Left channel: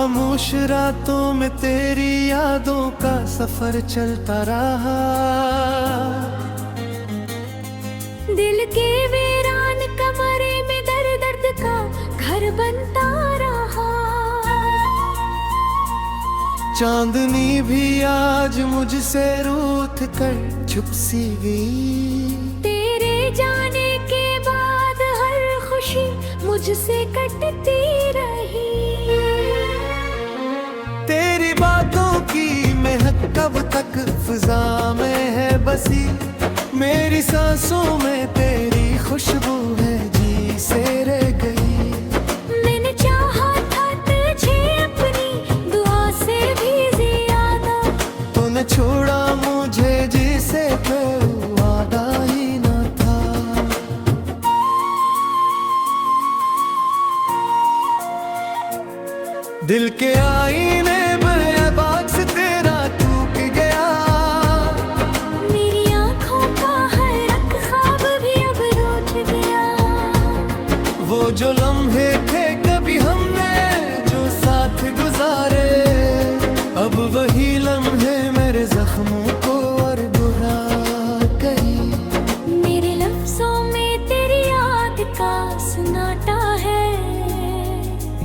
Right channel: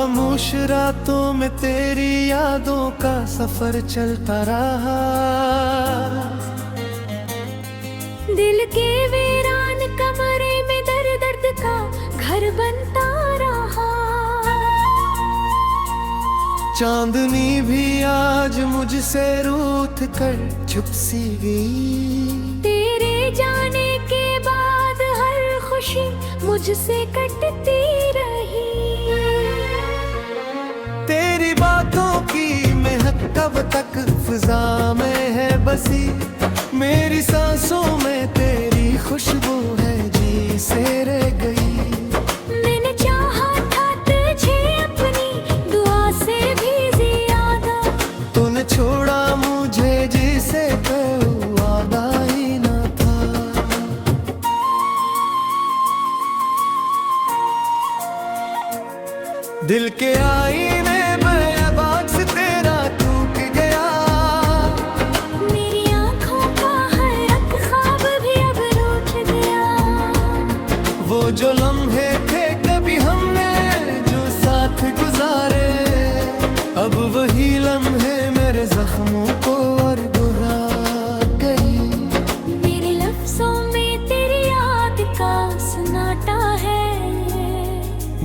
खामोश रातों में तेरी यादों का सफर चलता रहा। दिल के वीरान कमरे में दर्द दर्द का घर बनता रहा। चांदनी भी आज मुझसे रूठ कर छुप सी गई। तेरे जाने के बाद हर खुशी मुझसे कटती रही। तेरी बातों की महक कब तक फिजा में है बसी। मेरी सांसों में तेरी खुशबू है जी से रह गई। मैंने चाहा था तुझे अपनी दुआ से भी ज्यादा। तूने छोड़ा मुझे जिसे कोई वादा ही न था। दिल के आईने में बाग से तेरा टूट गया। मेरी आंखों का हर एक ख्वाब भी अब रूठ गया। वो जो लम्हे थे कभी हमने जो साथ गुजारे, अब वही लम्हे मेरे जख्मों को और बुरा करी। मेरे लफ्जों में तेरी याद का सन्नाटा है।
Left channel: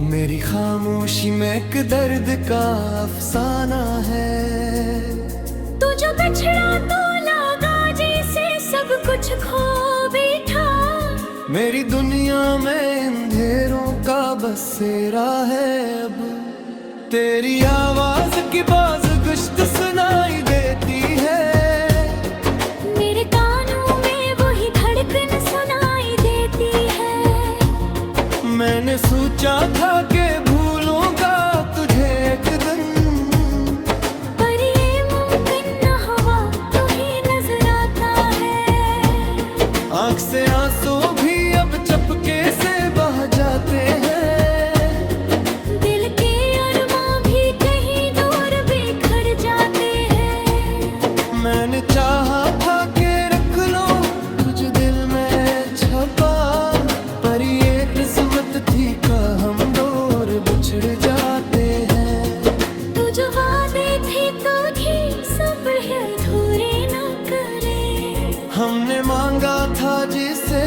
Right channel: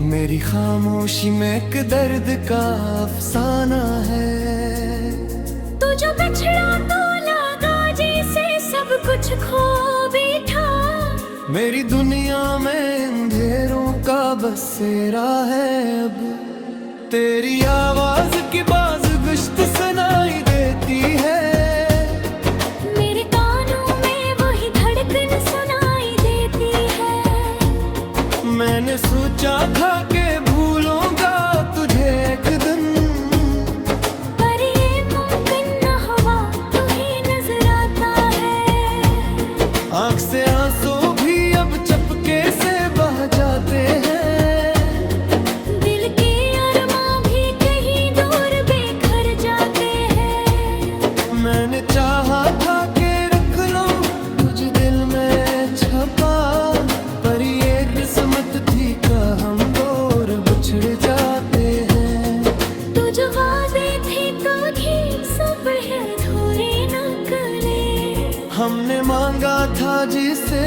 मेरी खामोशी में एक दर्द का अफसाना है। तू जो बिछड़ा तो लगा जैसे सब कुछ खो बैठा। मेरी दुनिया में अंधेरों का बसेरा है अब। तेरी आवाज की बाज गुश्त सुनाई देती है। मेरे कानों में वही धड़कन सुनाई देती है। मैंने सोचा था कि भूलूंगा तुझे एक दिन, पर ये मुमकिन न हुआ, तू ही नजर आता है। आँख से आंसू भी अब चपके से बह जाते हैं। दिल के अरमां भी कहीं दूर बिखर जाते हैं। मैंने चाहा था कि रख लो तुझ दिल में छपा, पर ये किस्मत थी का हम दूर बिछड़ जाते हैं। तू जो वादे थे तो ही सब है अधूरे न करे। हमने मांगा था जिसे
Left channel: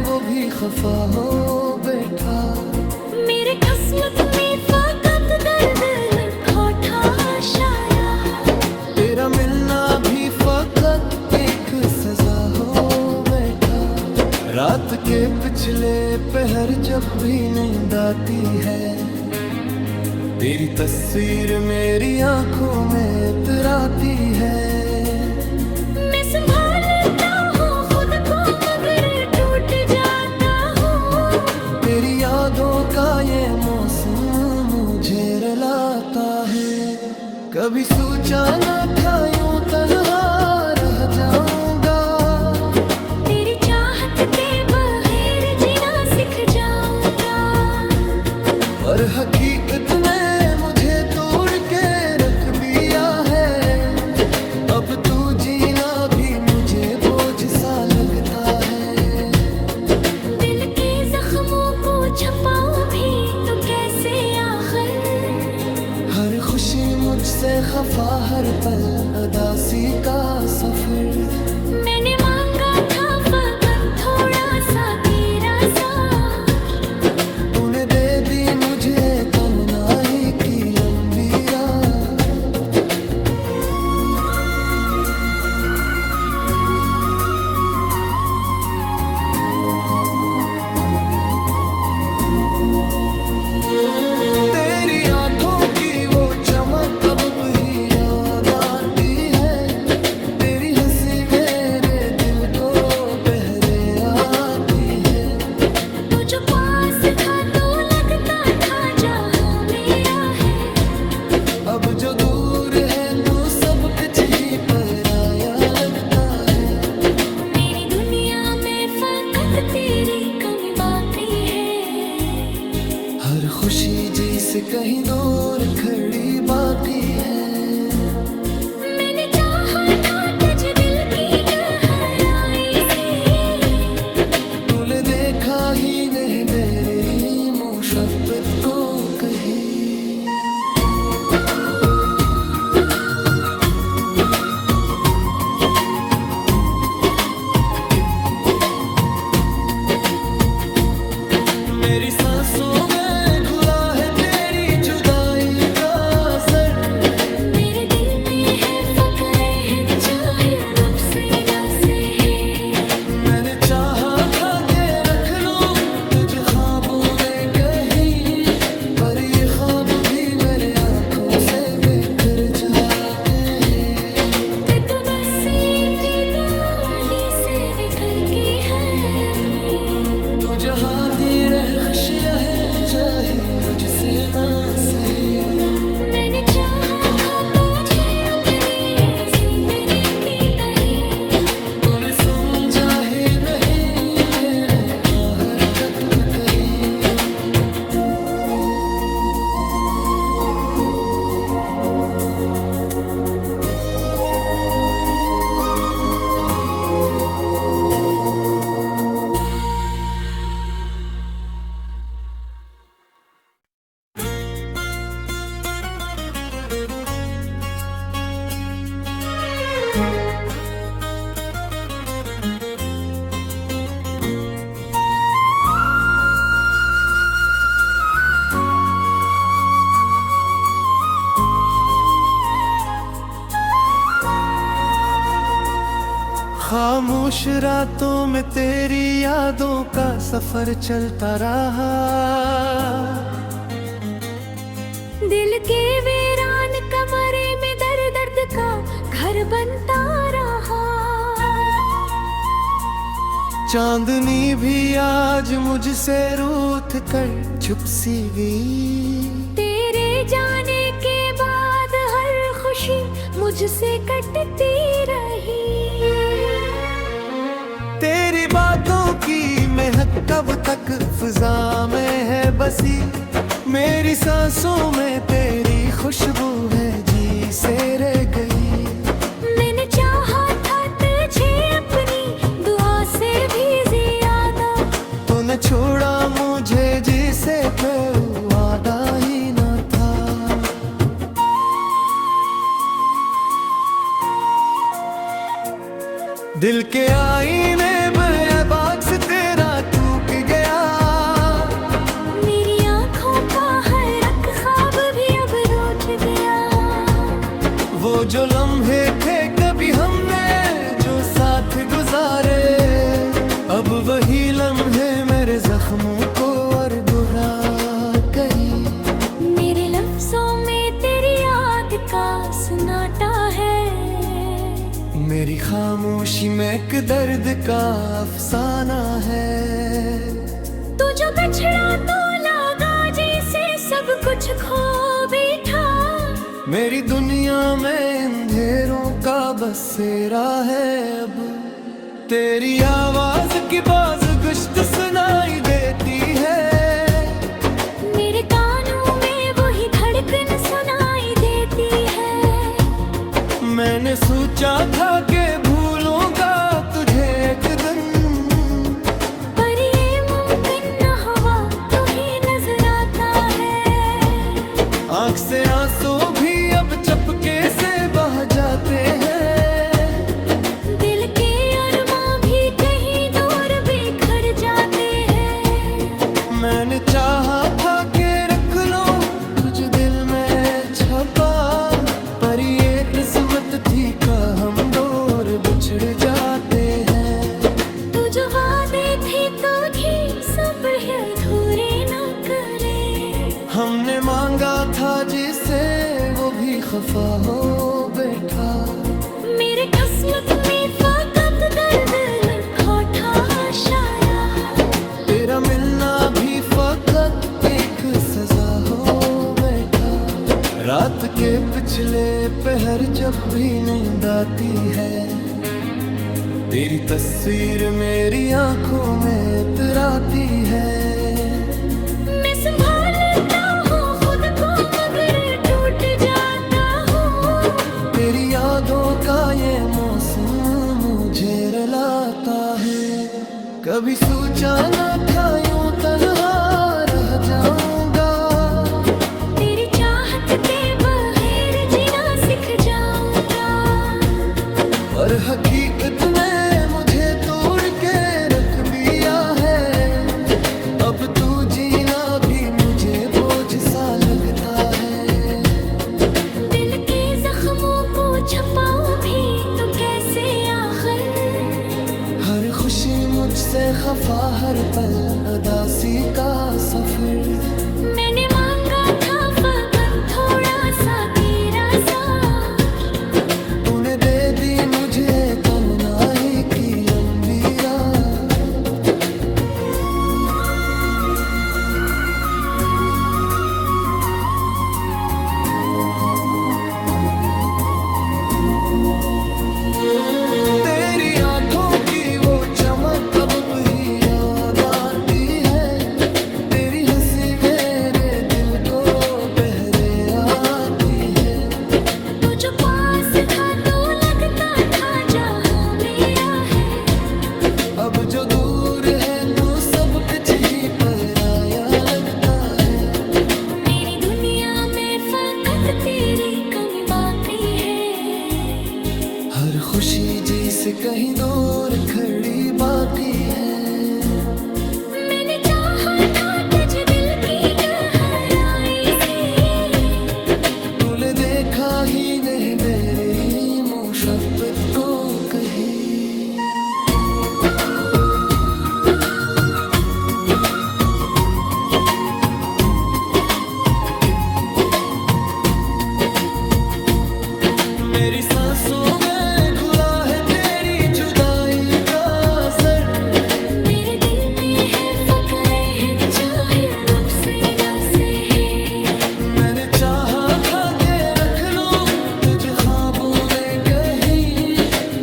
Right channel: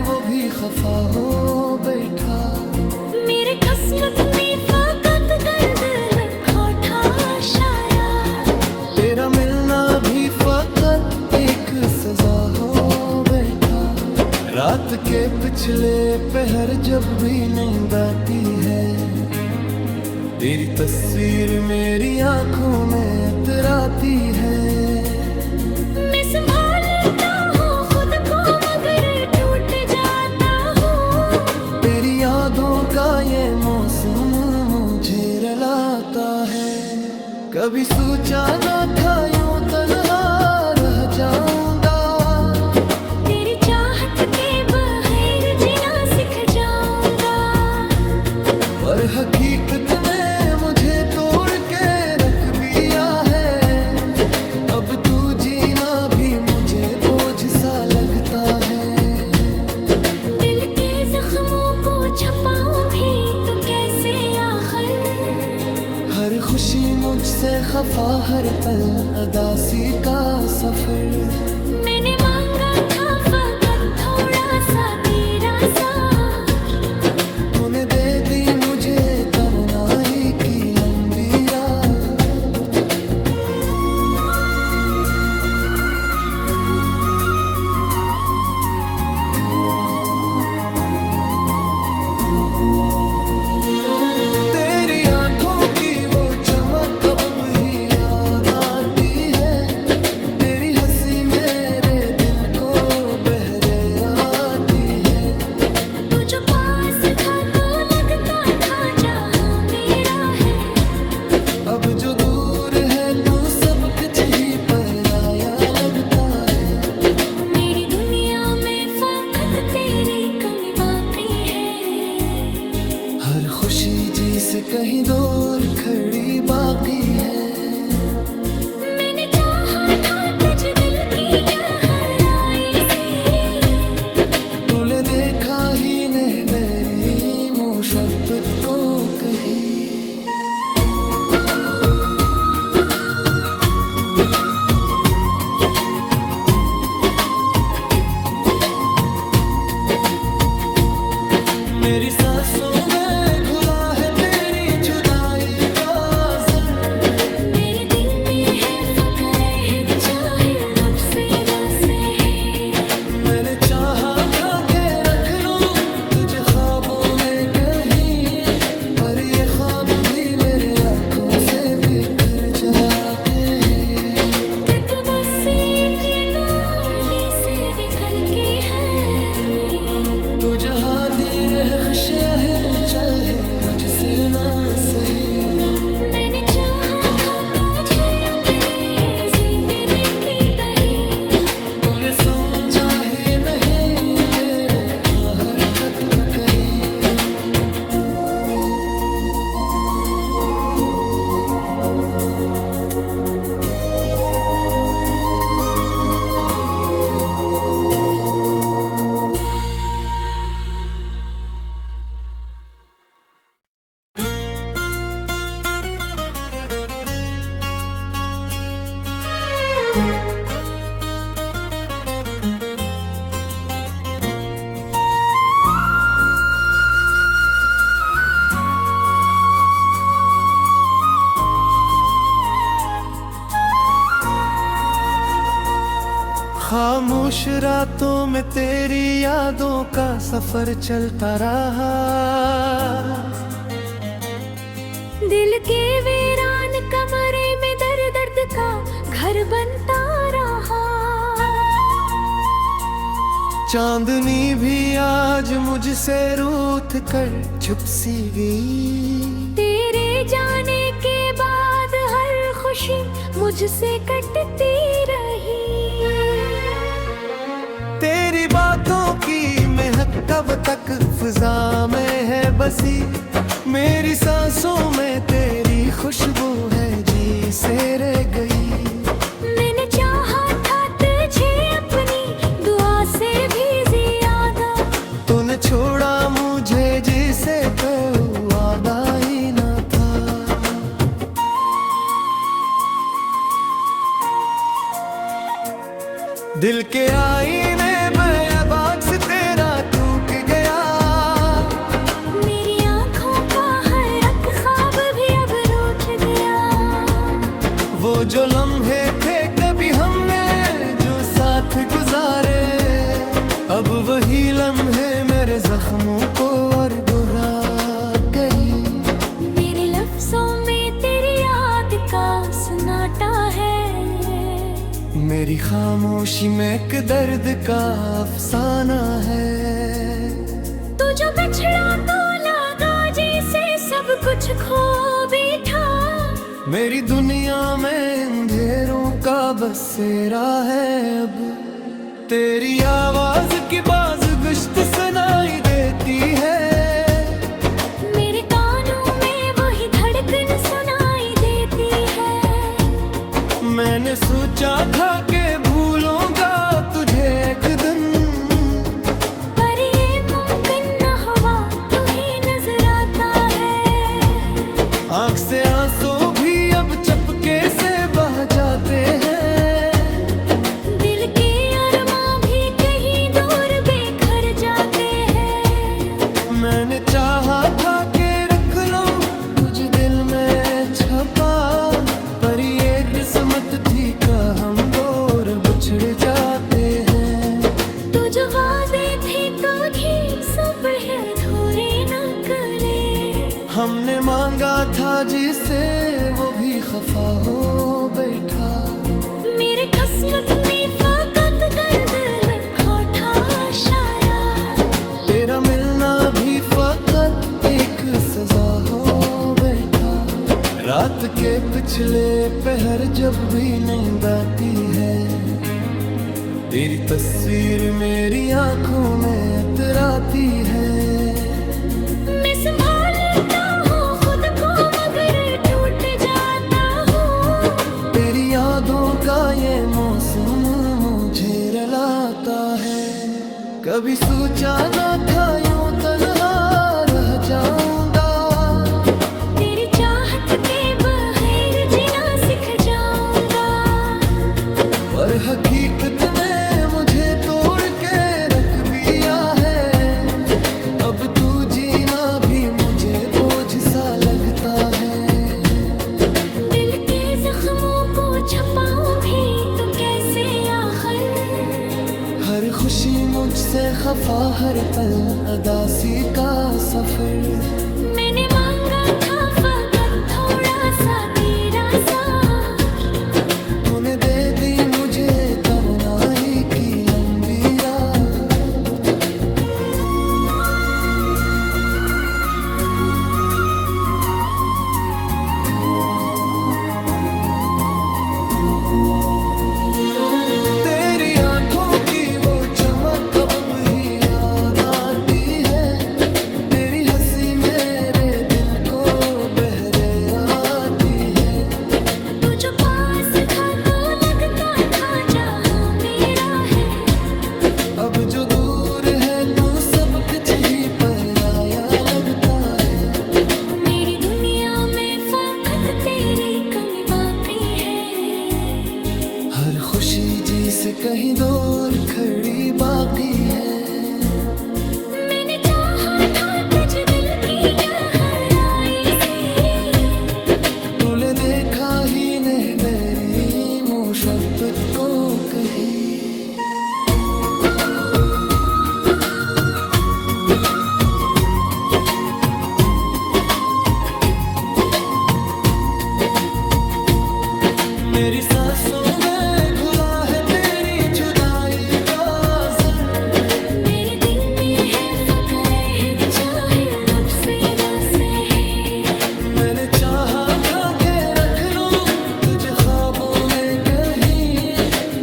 वो भी खफा हो बैठा। मेरे किस्मत में फकत दर्द लिखा था शायद। तेरा मिलना भी फकत एक सजा हो बैठा। रात के पिछले पहर जब भी नींद आती है, तेरी तस्वीर मेरी आंखों में इतराती है। मैं संभालता हूँ खुद को मगर टूट जाता हूँ। तेरी यादों का ये मौसम मुझे रुलाता है। कभी सोचा न था यूं तन्हा रह जाऊंगा। तेरी चाहत के बगैर जीना सीख जाऊंगा। पर हकीकत ने मुझे तोड़ के रख दिया है। अब तू जीना भी मुझे बोझ सा लगता है। दिल के जख्मों को छुपाऊं भी तो कैसे आखिर। हर खुशी मुझसे खफा हर पल अदासी का सफर। मैंने मांगा था फकत थोड़ा सा तेरा साथ। तूने दे दी मुझे तन्हाई की लंबी रात। तेरी आंखों की वो चमक अब भी याद आती है। तेरी हंसी मेरे दिल को बहरे आती है। तू जो पास था तो लगता था जहां मेरा है। अब जो दूर है तो सब कुछ ही पराया लगता है। मेरी दुनिया में फकत तेरी कमी बाकी है। हर खुशी जी से कहीं दूर खड़ी बागी है। मैंने चाहा था तुझ दिल की गहराई से। तूने देखा ही नहीं मेरी मोहब्बत को कहीं। मेरी सांसों में घुला है तेरी जुदाई का असर। मेरे दिल में है फकरे है चाहे नुक्से जैसे है। मैंने चाहा था के रख लूं तुझे ख्वाबों में कहीं, पर ये ख्वाब भी मेरे आंखों से बिखर जाते हैं। कि तू बस एक डोली से निकल के है अपनी। तू जहाँ दी रहे खुशियाँ है चाहे मुझसे ना सही। मैंने चाहा था तुझे अपनी जिंदगी की कही। तूने समझा ही नहीं मेरे हरकत पे कही। खामोश रातों में तेरी यादों का सफर चलता रहा। दिल के वीरान कमरे में दर्द दर्द का घर बनता रहा। चांदनी भी आज मुझसे रूठ कर छुप सी गई। तेरे जाने के बाद हर खुशी मुझसे कटती रही। तेरी बातों की महक कब तक फिजा में है बसी। मेरी सांसों में तेरी खुशबू है जी से रह गई। मैंने चाहा था तुझे अपनी दुआ से भी ज्यादा। तूने छोड़ा मुझे जिसे कोई वादा ही न था। दिल के आईने बेबाक से तेरा टूट गया। मेरी आंखों का हर एक ख्वाब भी अब रूठ गया। वो जो लम्हे थे कभी हमने जो साथ गुजारे, अब वही लम्हे मेरे जख्मों को और बुरा करी। मेरे लफ्जों में तेरी याद का सन्नाटा है। मेरी खामोशी में एक दर्द का अफसाना है। तू जो बिछड़ा तो लगा जैसे सब कुछ खो बैठा। मेरी दुनिया में अंधेरों का बसेरा है अब। तेरी आवाज की बाज गुश्त सुनाई देती है। मेरे कानों में वही धड़कन सुनाई देती है। मैंने सोचा था कि भूलूंगा तुझे एक दिन, पर ये मुमकिन न हुआ तू ही नजर आता है। आँख से आंसू भी अब चपके से बह जाते हैं। दिल के अरमां भी कहीं दूर बिखर जाते हैं। मैंने चाहा था कि रख लो तुझ दिल में छपा, पर ये किस्मत थी का हम दूर बिछड़ जाते हैं। तू जो वादे थे तो ही सब है अधूरे न करे। हमने मांगा था जिसे वो भी खफा हो बैठा। मेरे किस्मत में फकत दर्द लिखा था शायद। तेरा मिलना भी फकत एक सजा हो बैठा। रात के पिछले पहर जब भी नींद आती है, तेरी तस्वीर मेरी आंखों में इतराती है। मैं संभालता हूँ खुद को मगर टूट जाता हूँ। तेरी यादों का ये मौसम मुझे रुलाता है। कभी सोचा न था यूं तन्हा रह जाऊंगा। तेरी चाह के बगैर जीना सीख जाऊंगा। पर हकीकत ने मुझे तोड़ के रख दिया है। अब तू जीना भी मुझे बोझ सा लगता है। दिल के जख्मों को छपाऊं भी तो कैसे आखिर। हर खुशी मुझसे खफा, हर पल अदासी का सफर। मैंने मांगा था फकत थोड़ा सा तेरा साथ, तूने दे दी मुझे तन्हाई की लंबी रात। तेरी आंखों की वो चमक अब भी याद आती है। तेरी हंसी मेरे दिल को बहरे आती है। तू जो पास था तो लगता था जहां मेरा है। अब जो दूर है तू सब कुछ ही पराया लगता है। मेरी दुनिया में फकत तेरी कमी बाकी है। हर खुशी जी से कहीं दूर खड़ी बागी है। मैंने चाहा था तुझ दिल की गहराई से, तूने देखा ही नहीं मेरी मोहब्बत को कहीं। मेरी सांसों में घुला है तेरी जुदाई का असर। मेरे दिल में है फकरे है चाहे नुक्से जैसे है। मैंने चाहा था के रख लूं तुझे ख्वाबों में कहीं,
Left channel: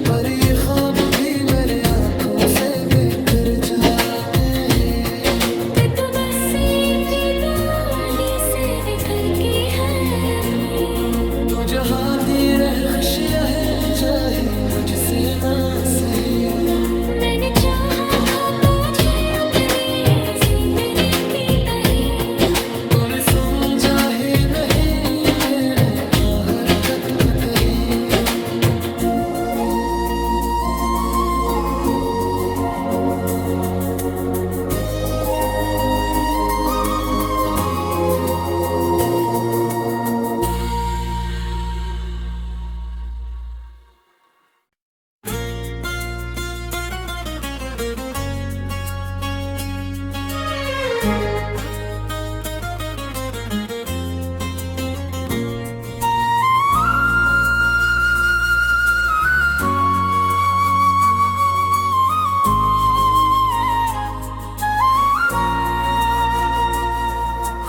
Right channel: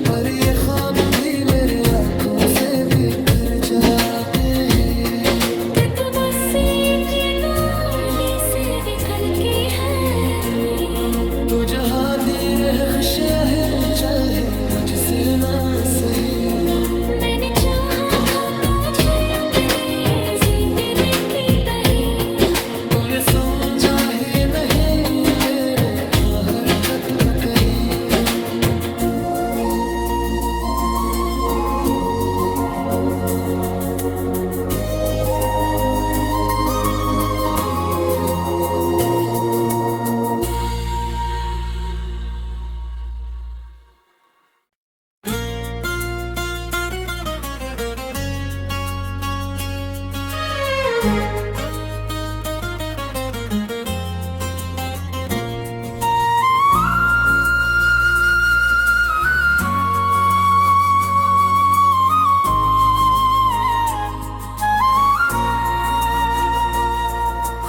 पर ये ख्वाब भी मेरे आंखों से बिखर जाते हैं। कि तू बस एक गोली से बिखर के है अपनी। तू जहाँ दी रहे खुशियाँ है चाहे मुझसे ना सही। मैंने चाहा था तुझे अपनी जिंदगी की कही। तूने समझा ही नहीं मेरे हरकत पे कहीं।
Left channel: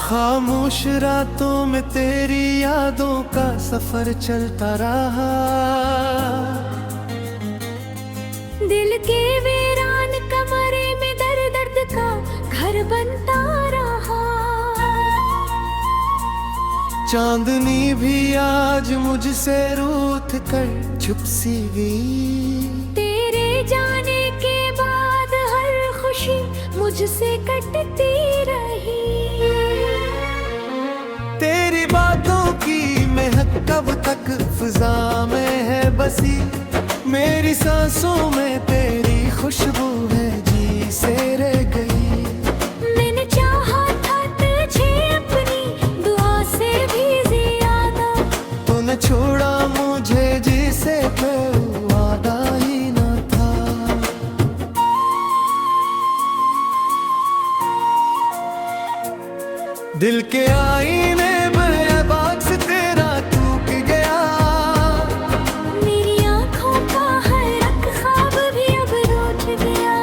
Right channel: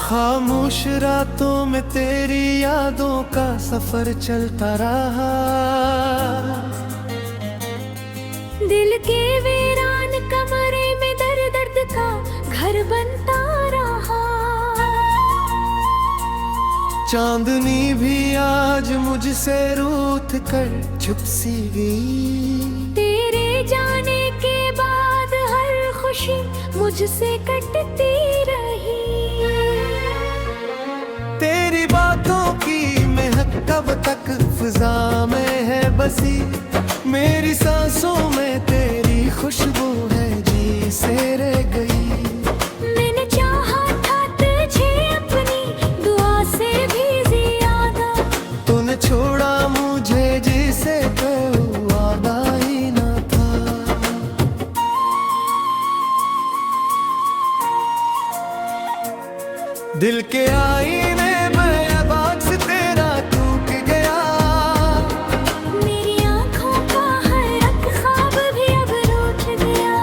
खामोश रातों में तेरी यादों का सफर चलता रहा। दिल के वीरान कमरे में दर्द दर्द का घर बनता रहा। चांदनी भी आज मुझसे रूठ कर छुप सी गई। तेरे जाने के बाद हर खुशी मुझसे कटती रही। तेरी बातों की महक कब तक फिजा में है बसी। मेरी सांसों में तेरी खुशबू है जी से रह गई। मैंने चाहा था तुझे अपनी दुआ से भी ज्यादा। तूने छोड़ा मुझे जिसे कोई वादा ही न था। दिल के आईने बेबाक से तेरा टूट गया। मेरी आंखों का हर एक ख्वाब भी अब रूठ गया।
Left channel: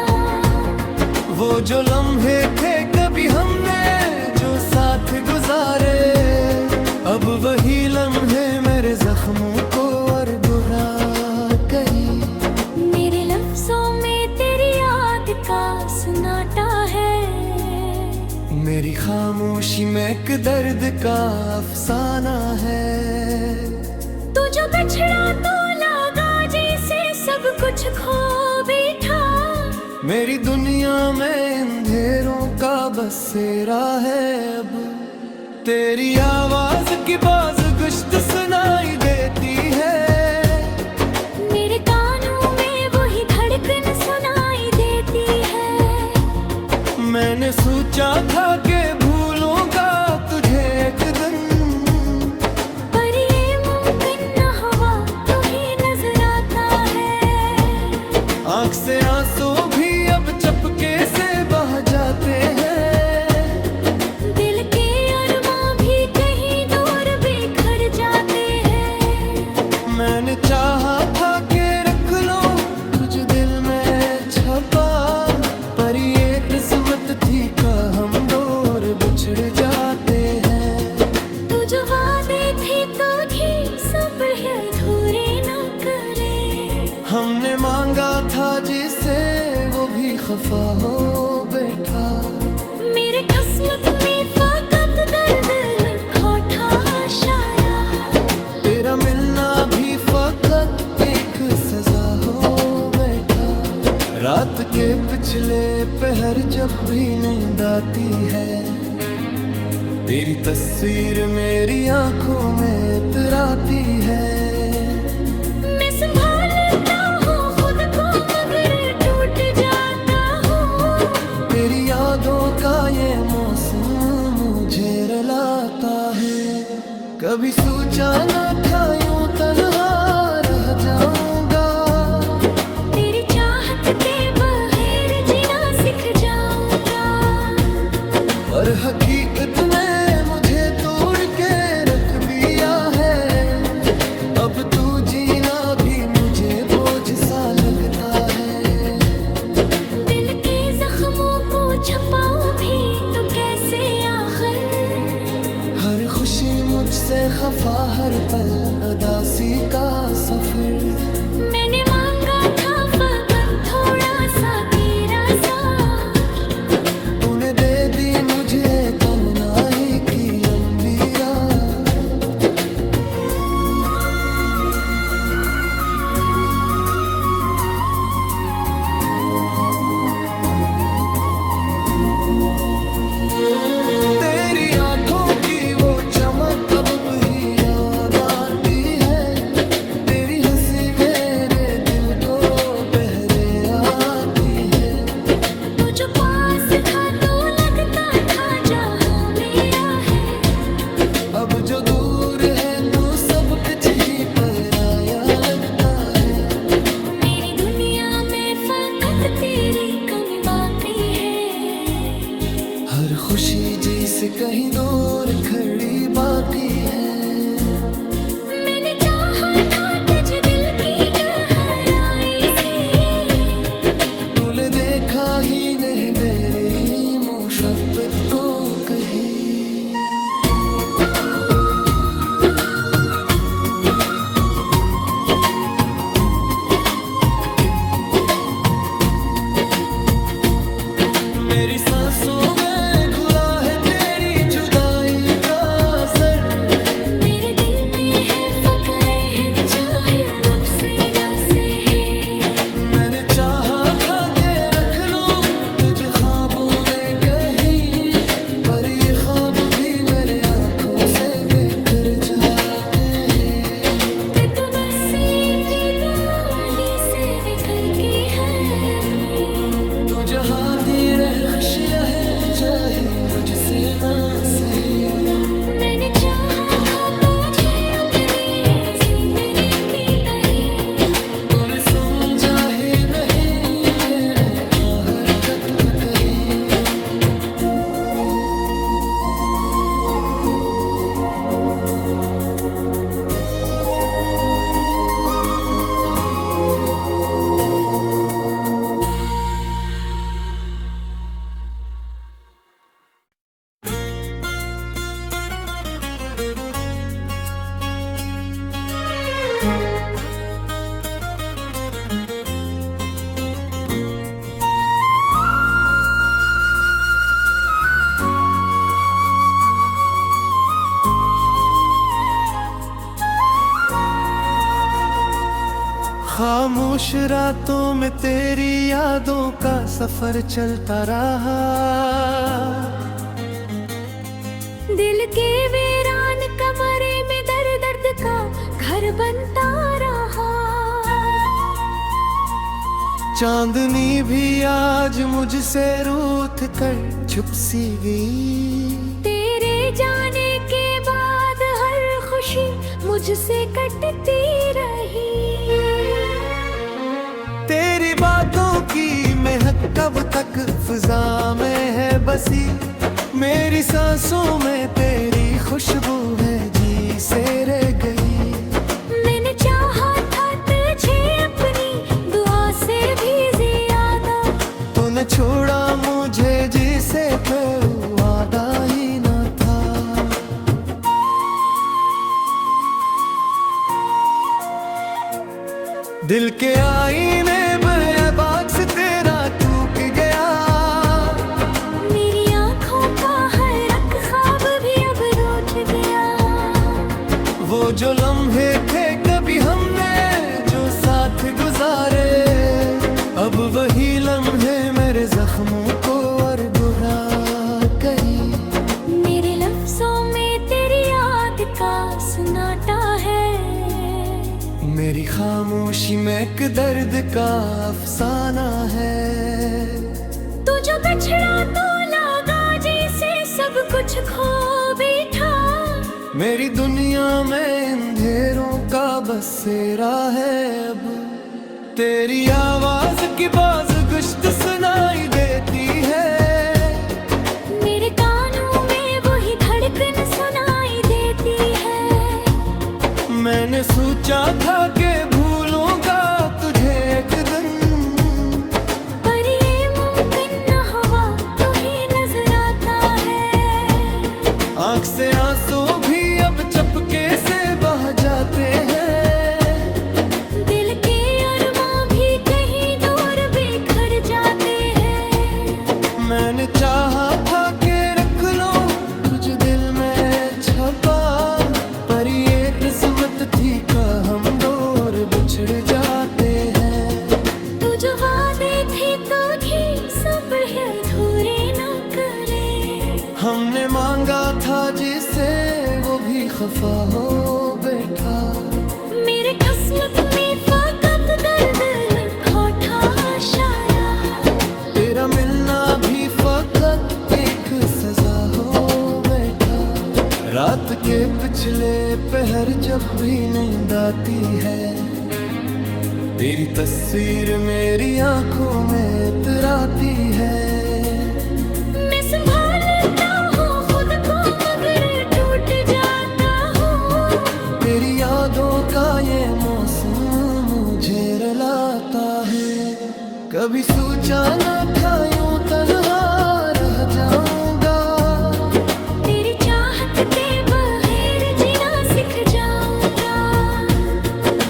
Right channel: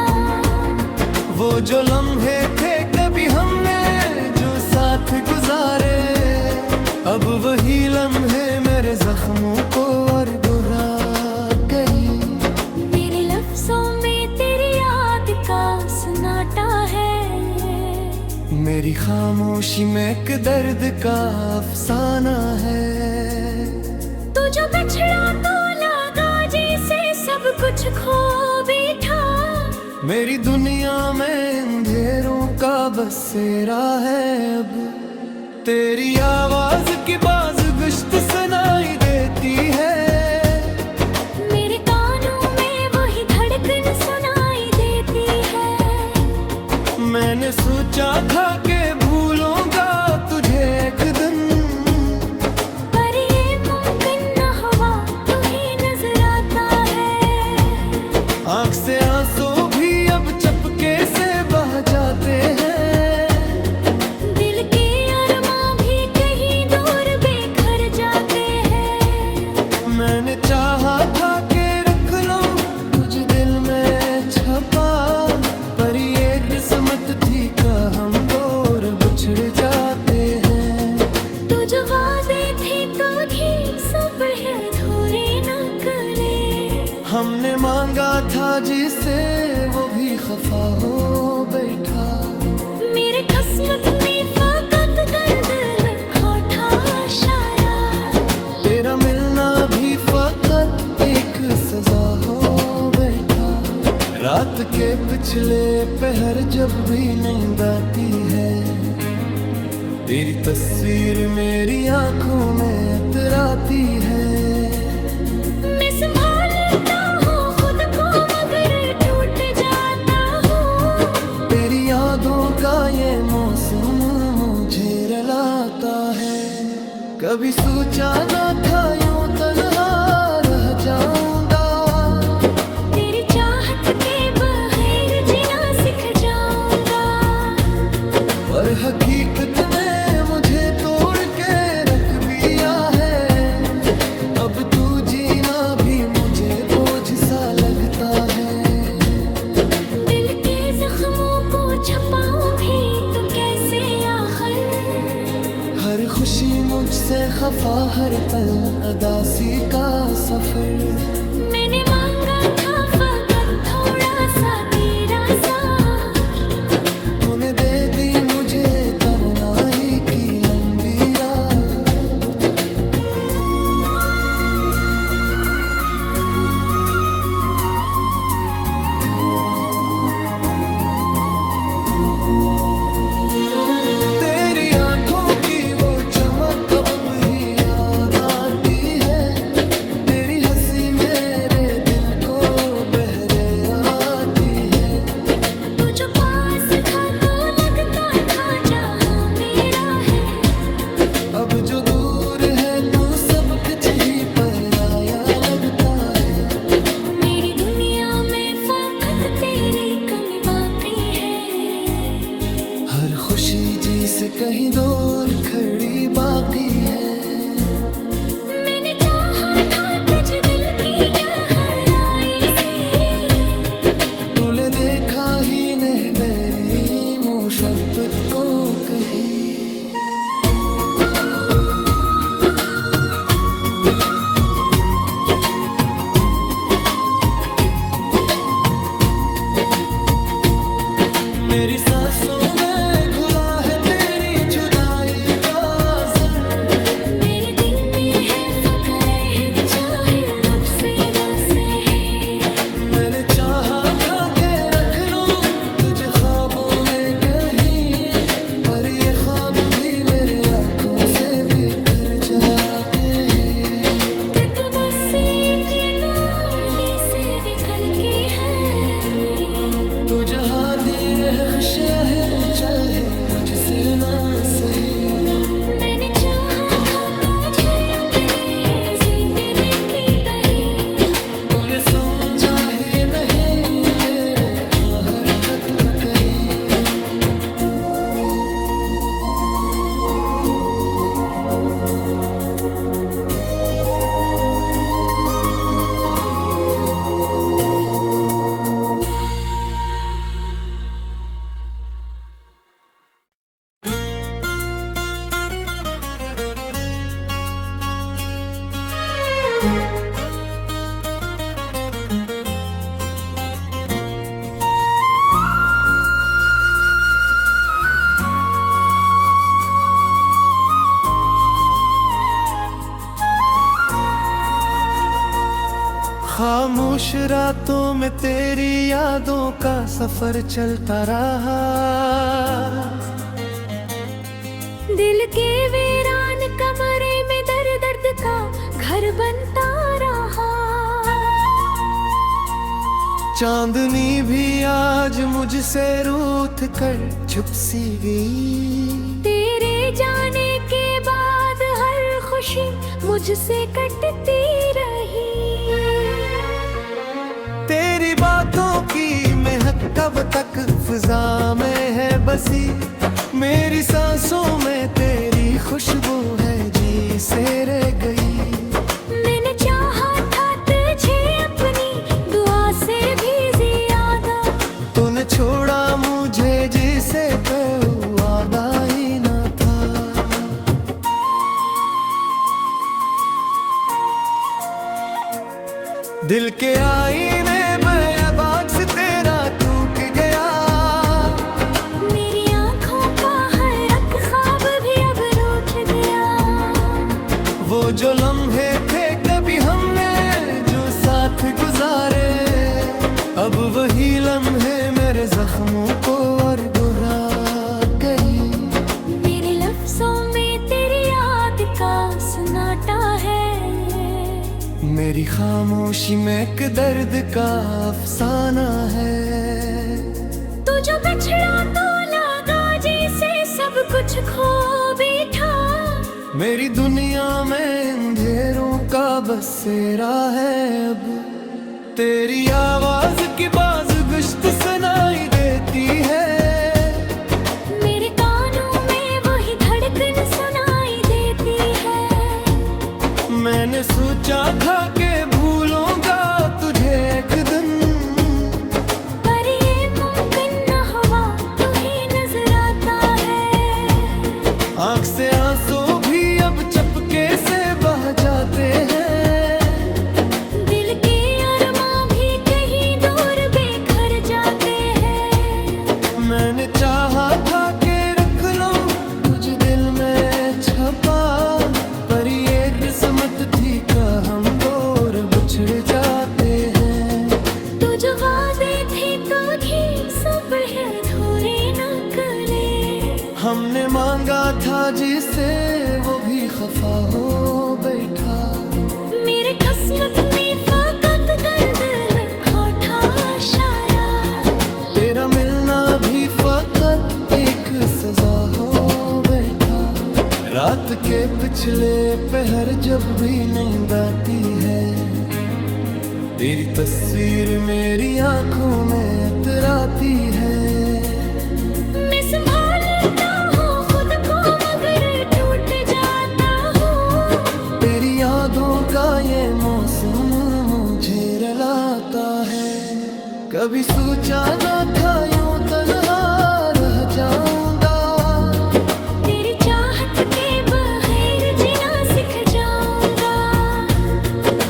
वो जो लम्हे थे कभी हमने जो साथ गुजारे, अब वही लम्हे मेरे जख्मों को और बुरा करी। मेरे लफ्जों में तेरी याद का सन्नाटा है। मेरी खामोशी में एक दर्द का अफसाना है। तू जो बिछड़ा तो लगा जैसे सब कुछ खो बैठा। मेरी दुनिया में अंधेरों का बसेरा है अब, तेरी आवाज की बाज गुश्त सुनाई देती है, मेरे कानों में वही धड़कन सुनाई देती है। मैंने सोचा था कि भूलूंगा तुझे एक दिन, पर ये मुमकिन न हुआ, तू ही नजर आता है। आँख से आंसू भी अब चपके से बह जाते हैं, दिल के अरमां भी कहीं दूर बिखर जाते हैं। मैंने चाहा था कि रख लो तुझ दिल में छपा, पर ये किस्मत थी का हम दूर बिछड़ जाते हैं। तू जो वादे थे तो ही सब है अधूरे न करे। हमने मांगा था जिसे वो भी खफा हो बैठा, मेरे किस्मत में फकत दर्द लिखा था शायद। तेरा मिलना भी फकत एक सजा हो बैठा। रात के पिछले पहर जब भी नींद आती है, तेरी तस्वीर मेरी आंखों में इतराती है। मैं संभालता हूँ खुद को मगर टूट जाता हूँ। तेरी यादों का ये मौसम मुझे रुलाता है। कभी सोचा न था यूं तन्हा रह जाऊंगा, तेरी चाहत के बगैर जीना सीख जाऊंगा। पर हकीकत ने मुझे तोड़ के रख दिया है। अब तू जीना भी मुझे बोझ सा लगता है। दिल के जख्मों को छपाऊं भी तो कैसे आखिर। हर खुशी मुझसे खफा, हर पल अदासी का सफर। मैंने मांगा था फकत थोड़ा सा तेरा साथ, तूने दे दी मुझे तन्हाई की लंबी रात। तेरी आंखों की वो चमक अब भी याद आती है। तेरी हंसी मेरे दिल को बहरे आती है। तू जो पास था तो लगता था जहां मेरा है। अब जो दूर है तो सब कुछ ही पराया लगता है। मेरी दुनिया में फकत तेरी कमी बाकी है। हर खुशी जी से कहीं दूर खड़ी बागी है। मैंने चाहा था तुझ दिल की गहराई से, तूने देखा ही नहीं मेरी मोहब्बत को कहीं। मेरी सांसों में घुला है तेरी जुदाई का असर। मेरे दिल में है फकरे है चाहे नुक्से से है। मैंने चाहा था कि रख लूं तुझे ख्वाबों में कहीं, पर ये ख्वाब भी मेरे आंखों से बिखर जाते हैं। कि तू बस एक डोली से बिखर के है अपनी। तू जहाँ दी रहे खुशियाँ है चाहे मुझसे ना सही। मैंने चाहा था तुझे अपनी जिंदगी की कही। तूने समझा ही नहीं मेरे हरकत को कहीं। खामोश रातों में तेरी यादों का सफर चलता रहा। दिल के वीरान कमरे में दर दर्द का घर बनता रहा। चांदनी भी आज मुझसे रूठ कर छुप सी गई। तेरे जाने के बाद हर खुशी मुझसे कटती रही। तेरी बातों की महक कब तक फिजा में है बसी। मेरी सांसों में तेरी खुशबू है जी से रह गई। मैंने चाहा था तुझे अपनी दुआ से भी ज्यादा। तूने छोड़ा मुझे जिसे कोई वादा ही ना था। दिल के आईने बेबाक से तेरा टूट गया। मेरी आंखों का हर एक ख्वाब भी अब रूठ गया। वो जो लम्हे थे कभी हमने जो साथ गुजारे, अब वही लम्हे मेरे जख्मों को और बुरा करी। मेरे लफ्जों में तेरी याद का सन्नाटा है। मेरी खामोशी में एक दर्द का अफसाना है। तू जो बिछड़ा तो लगा जैसे सब कुछ खो बैठा। मेरी दुनिया में अंधेरों का बसेरा है अब। तेरी आवाज की बाज गुश्त सुनाई देती है। मेरे कानों में वही धड़कन सुनाई देती है। मैंने सोचा था कि भूलूंगा तुझे एक दिन, पर ये मुमकिन न हुआ, तू ही नजर आता है। आँख से आंसू भी अब चपके से बह जाते हैं। दिल के अरमां भी कहीं दूर बिखर जाते हैं। मैंने चाहा था कि रख लो तुझ दिल में छपा, पर ये किस्मत थी का हम दूर बिछड़ जाते हैं। तू जो वादे थे तो भी सब है अधूरे न करे। हमने मांगा था जिसे वो भी खफा हो बैठा। मेरे किस्मत में फकत दर्द लिखा था शायद। तेरा मिलना भी फकत एक सजा हो बैठा। रात के पिछले पहर जब भी नींद आती है, तेरी तस्वीर मेरी आंखों में इतराती है। मैं संभालता हूँ खुद को मगर टूट जाता हूँ। तेरी यादों का ये मौसम मुझे रुलाता है। कभी सोचा न था यूं तन्हा रह जाऊंगा। तेरी चाहत के बगैर जीना सीख जाऊंगा।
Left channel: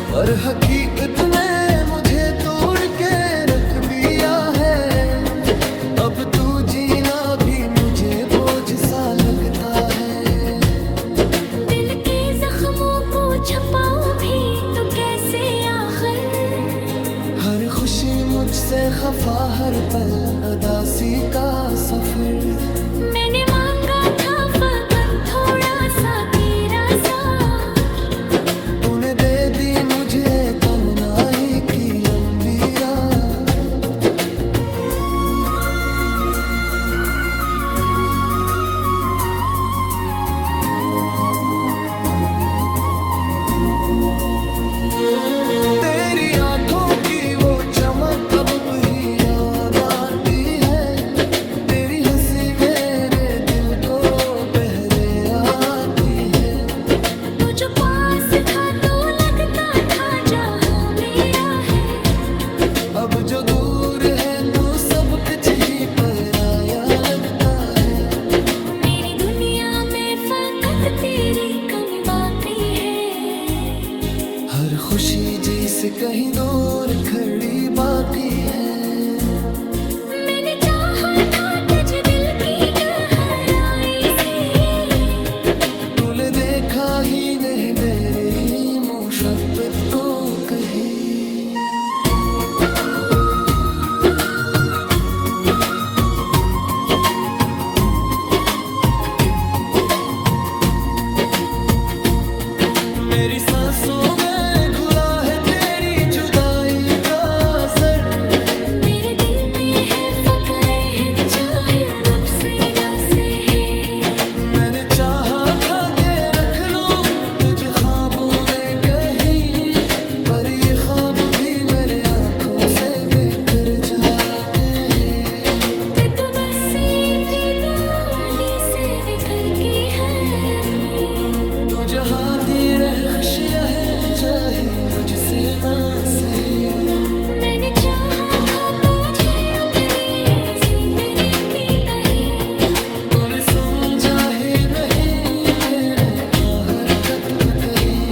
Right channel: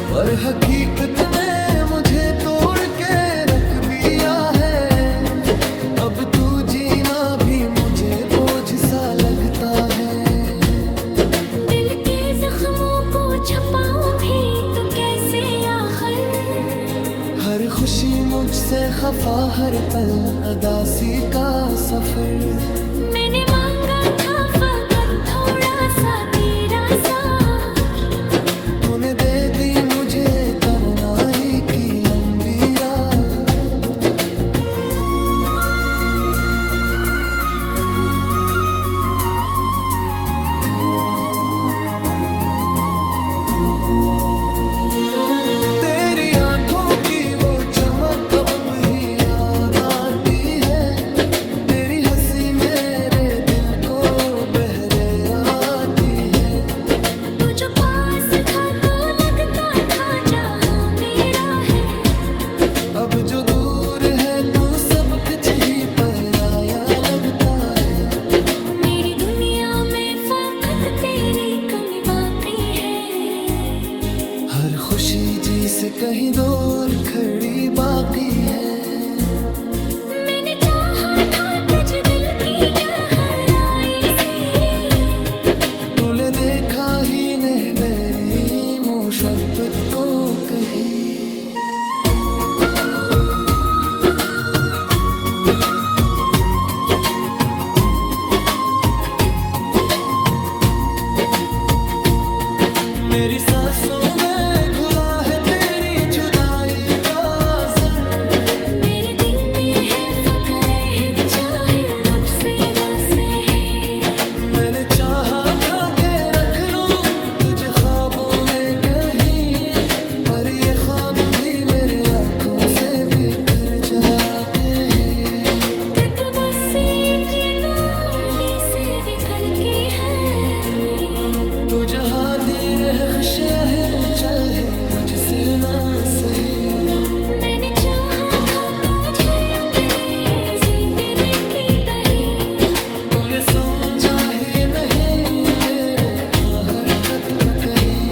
पर हकीकत ने मुझे तोड़ के रख दिया है। अब तू जीना भी मुझे बोझ सा लगता है। दिल के जख्मों को छपाऊं भी तो कैसे आखिर। हर खुशी मुझसे खफा हर पल अदासी का सफर। मैंने मांगा था फकत थोड़ा सा तेरा साथ। तूने दे दी मुझे तन्हाई की लंबी रात। तेरी आंखों की वो चमक अब भी याद आती है। तेरी हंसी मेरे दिल को बहरे आती है। तू जो पास था तो लगता था जहां मेरा है। अब जो दूर है तो सब कुछ ही पराया लगता है। मेरी दुनिया में फकत तेरी कमी बाकी है। हर खुशी जी से कहीं दूर खड़ी बागी है। मैंने चाहा था तुझ दिल की गहराई से। तूने देखा ही नहीं मेरी मोहब्बत को कहीं। सांसों में घुला है तेरी जुदाई का असर। मेरे दिल में है फक्र है चाहे नफ्से से है। मैंने चाहा था के रख लूं तुझे ख्वाबों में कहीं, पर ये ख्वाब भी मेरे आंखों से बिखर जाते हैं। कि तू बस एक डोली से निकल के है तो जहाँ दी रहे खुशियाँ है चाहे मुझसे ना सही। मैंने चाहा था तुझे अपनी जिंदगी की तही। तूने समझा ही नहीं मेरे हरकत पे कहीं।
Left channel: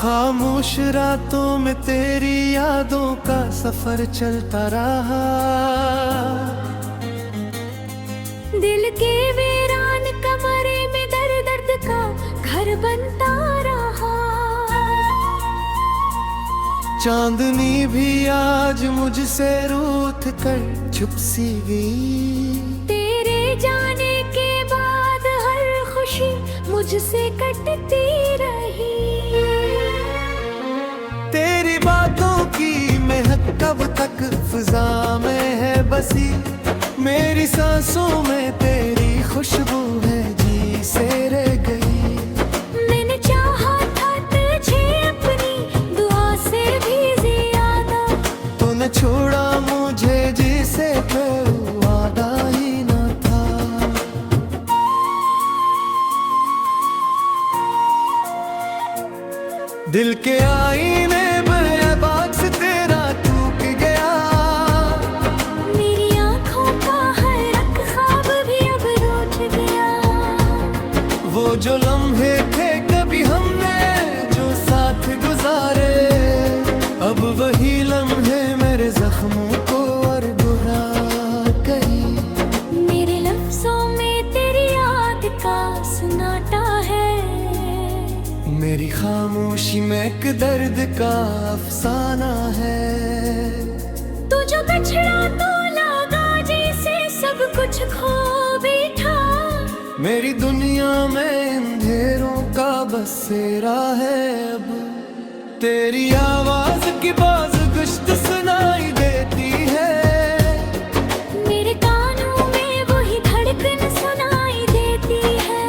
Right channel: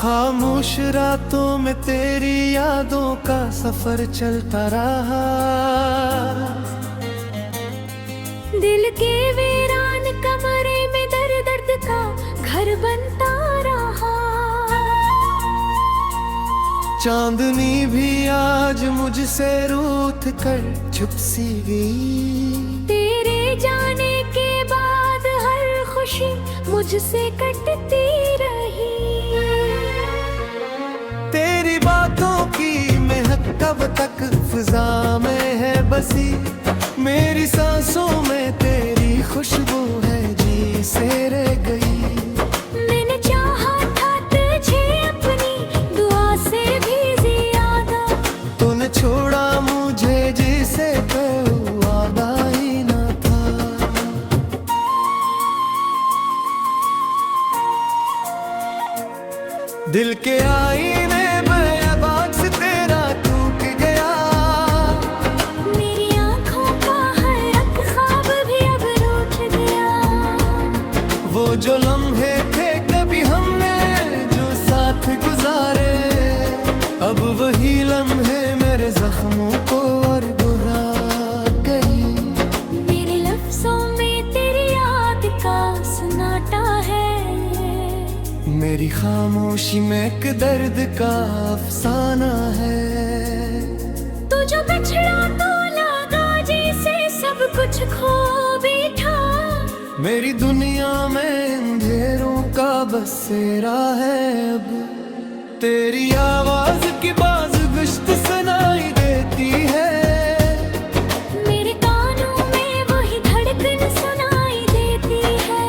खामोश रातों में तेरी यादों का सफर चलता रहा। दिल के वीरान कमरे में दर्द दर्द का घर बनता रहा। चांदनी भी आज मुझसे रूठ कर छुप सी गई। तेरे जाने के बाद हर खुशी मुझसे कटती रही। तेरी बातों की महक कब तक फिजा में है बसी। मेरी सांसों में तेरी खुशबू है जी से रह गई। मैंने चाहा था तुझे अपनी दुआ से भी ज्यादा। तूने छोड़ा मुझे जिसे कोई वादा ही न था। दिल के आईने बेबाक से तेरा टूट गया। मेरी आंखों का हर एक ख्वाब भी अब रूठ गया। वो जो लम्हे थे कभी हमने जो साथ गुजारे, अब वही लम्हे मेरे जख्मों को और बुरा करी। मेरे लफ्जों में तेरी याद का सन्नाटा है। मेरी खामोशी में एक दर्द का अफसाना है। तू जो बिछड़ा तो लगा जैसे सब कुछ खो बैठा। मेरी दुनिया में अंधेरों का बसेरा है अब। तेरी आवाज की बाज गुश्त सुनाई देती है। मेरे कानों में वही धड़कन सुनाई देती है।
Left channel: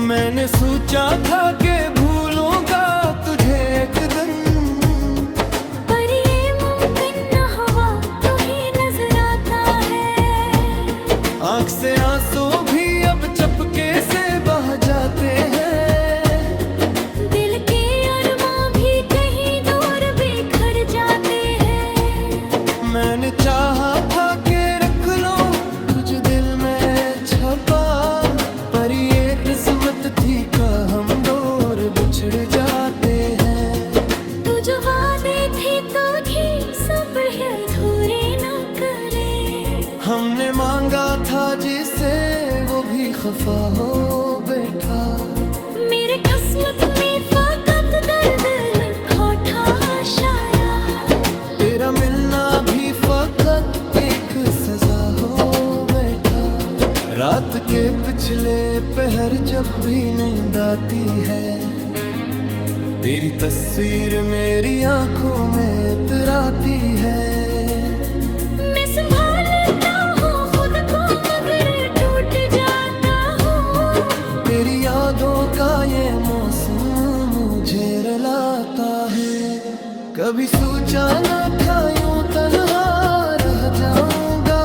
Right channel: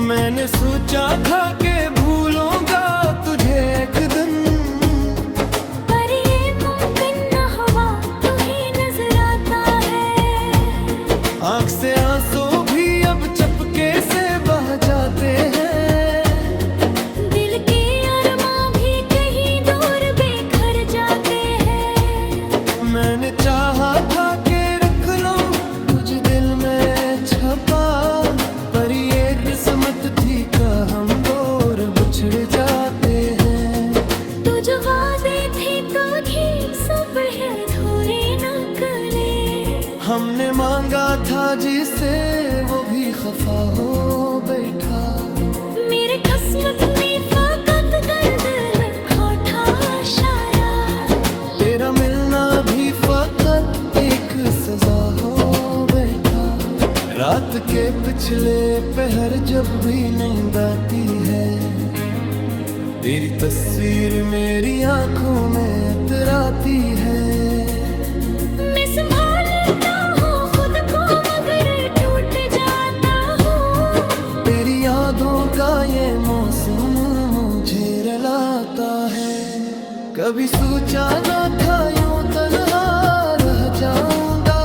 मैंने सोचा था कि भूलूंगा तुझे एक दिन, पर ये मुमकिन न हुआ तू ही नजर आता है। आँख से आंसू भी अब चपके से बह जाते हैं। दिल के अरमां भी कहीं दूर बिखर जाते हैं। मैंने चाहा था कि रख लो तुझे दिल में छपा, पर ये किस्मत थी का हम दूर बिछड़ जाते हैं। तू जो वादे थे तो ही सब है अधूरे न करे। हमने मांगा था जिसे वो भी खफा हो बैठा। मेरे किस्मत में फकत दर्द लिखा था शायद। तेरा मिलना भी फकत एक सजा हो बैठा। रात के पिछले पहर जब भी नींद आती है, तेरी तस्वीर मेरी आंखों में इतराती है। मैं संभालता हूँ खुद को मगर टूट जाता हूँ। तेरी यादों का ये मौसम मुझे रुलाता है। कभी सोचा न था यूं तन्हा रह जाऊंगा।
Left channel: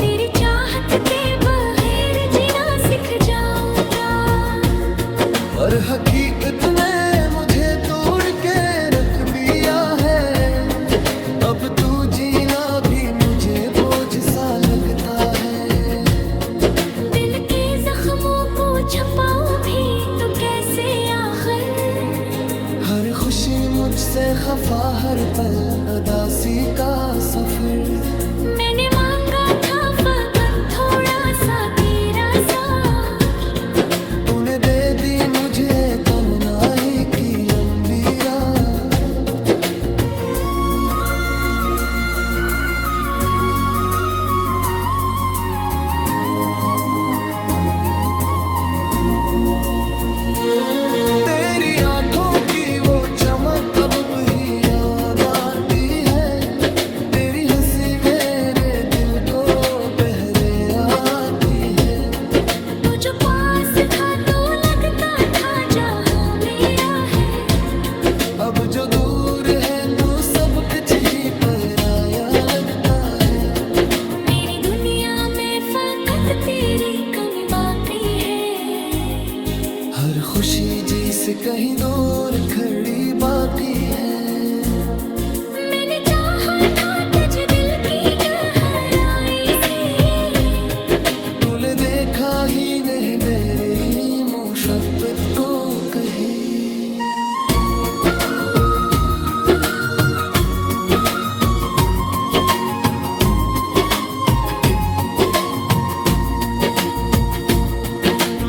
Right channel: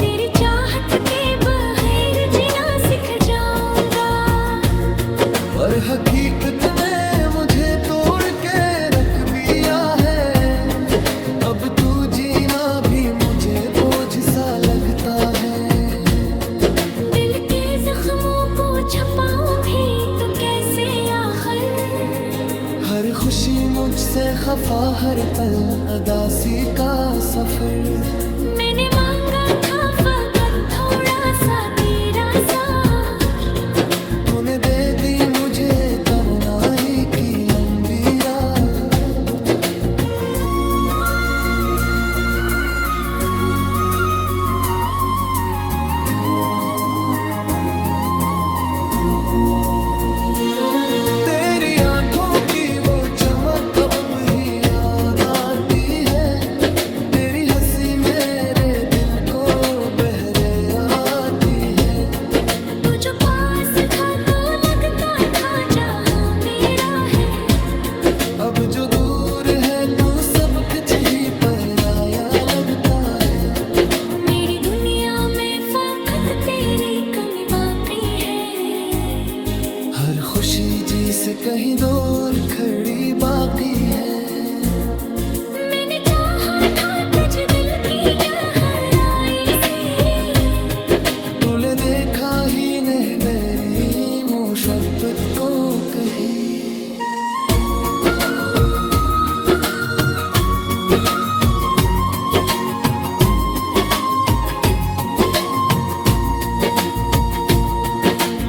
तेरी चाहत के बगैर जीना सीख जाऊंगा। पर हकीकत ने मुझे तोड़ के रख दिया है। अब अब तू जीना भी मुझे बोझ सा लगता है। दिल के जख्मों को छपाऊं भी तो कैसे आखिर। हर खुशी मुझसे खफा, हर पल अदासी का सफर। मैंने मांगा था फकत थोड़ा सा तेरा साथ, तूने दे दी मुझे तन्हाई की लंबी रात। तेरी आंखों की वो चमक अब भी याद आती है। तेरी हंसी मेरे दिल को बहरे आती है। तू जो पास था तो लगता था जहां मेरा है। अब जो दूर है तू सब कुछ ही पराया लगता है। मेरी दुनिया में फकत तेरी कमी बाकी है। हर खुशी जी से कहीं दूर खड़ी बागी है। मैंने चाहा था तुझ दिल की गहराई से, तूने देखा ही नहीं मेरी मोहब्बत को कहीं।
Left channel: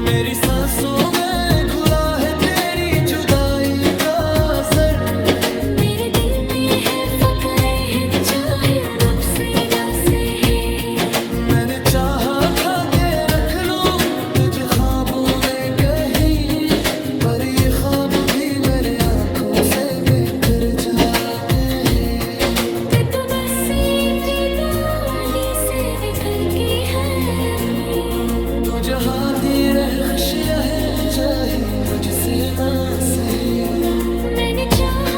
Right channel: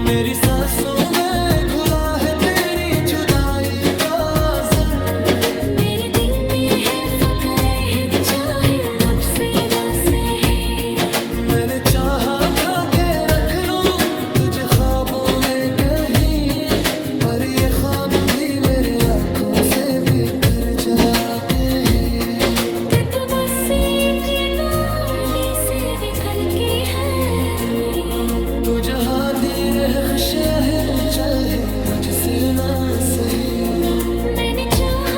मेरी सांसों में घुला है तेरी जुदाई का असर। मेरे दिल में है फकरे है चाहे नुक्से दसे है। मैंने चाहा था के रख लूं तुझे ख्वाबों में कहीं, पर ये ख्वाब भी मेरे आंखों से बिखर जाते हैं। कि तू बस एक डोली से निकल के है तू जहाँ दी रहे खुशियाँ है चाहे मुझसे ना सही। मैंने चाहा